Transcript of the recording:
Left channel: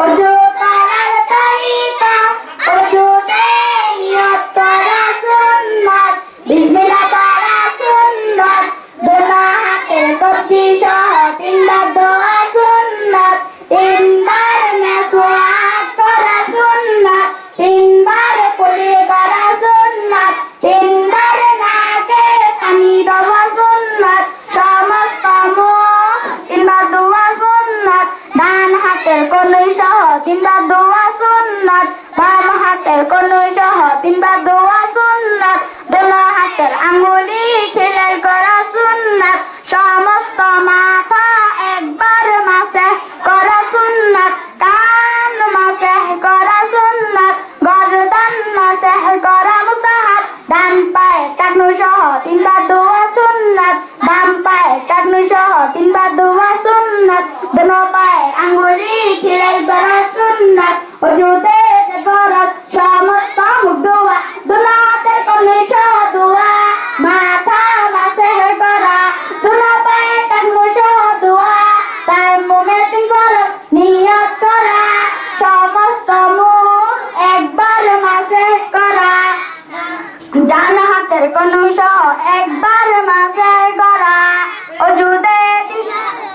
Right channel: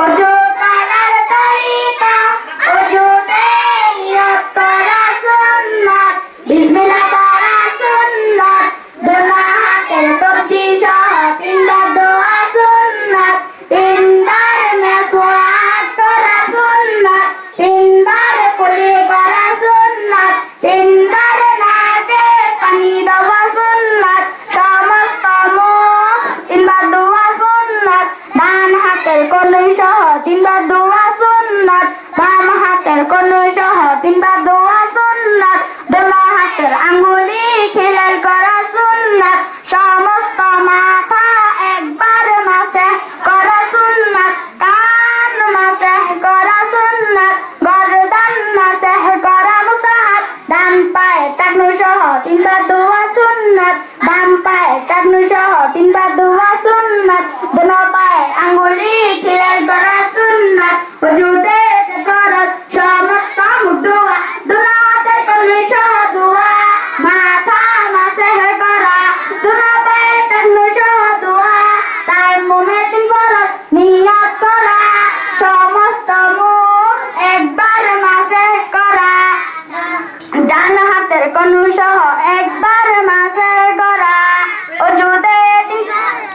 অজু করার তরিকা অজুতে নিয়ত করা সুন্নাত বিসমিল্লাহ পড়া সুন্নাত দোয়া হাতের কবজি সহ তিনবার দোয়া সুন্নাত তিনবার মেসওয়াক করা সুন্নাত তিনবার কুলি করা সুন্নাত তিনবার নাকে পানি দেওয়া সুন্নাত সমস্ত মুখ তিনবার দোয়া সুন্নাত ডান হাতের কনুই সহ তিনবার দোয়া সুন্নাত বাম হাতের কনুই সহ তিনবার দোয়া সুন্নাত দোয়া হাতের আঙ্গুলি খিলাই করা সুন্নাত সমস্ত মাথা একবার মাসে করা সুন্নাত কান মাসে করা সুন্নাত গর্দান মাসে করা মুসাহাব ডান পায়ে টাকনু সহ তিনবার দোয়া সুন্নাত বাম পায়ে টাকনু সহ তিনবার দোয়া সুন্নাত ডান পায়ে আঙ্গুলি খিলাই করা সুন্নাত ওজুতে ফরজ সমস্ত মুখ দোয়া দুনো হাতের কনুই সহ দোয়া মাথা মাসে করা দুনো পায়ে টাকনু সহ দোয়া তায়াম্মুমে তিন ফরজ নিয়ত করা সমস্ত মুখ একবার মাসে করা ডান হাতের কনুই সহ একবার মাসে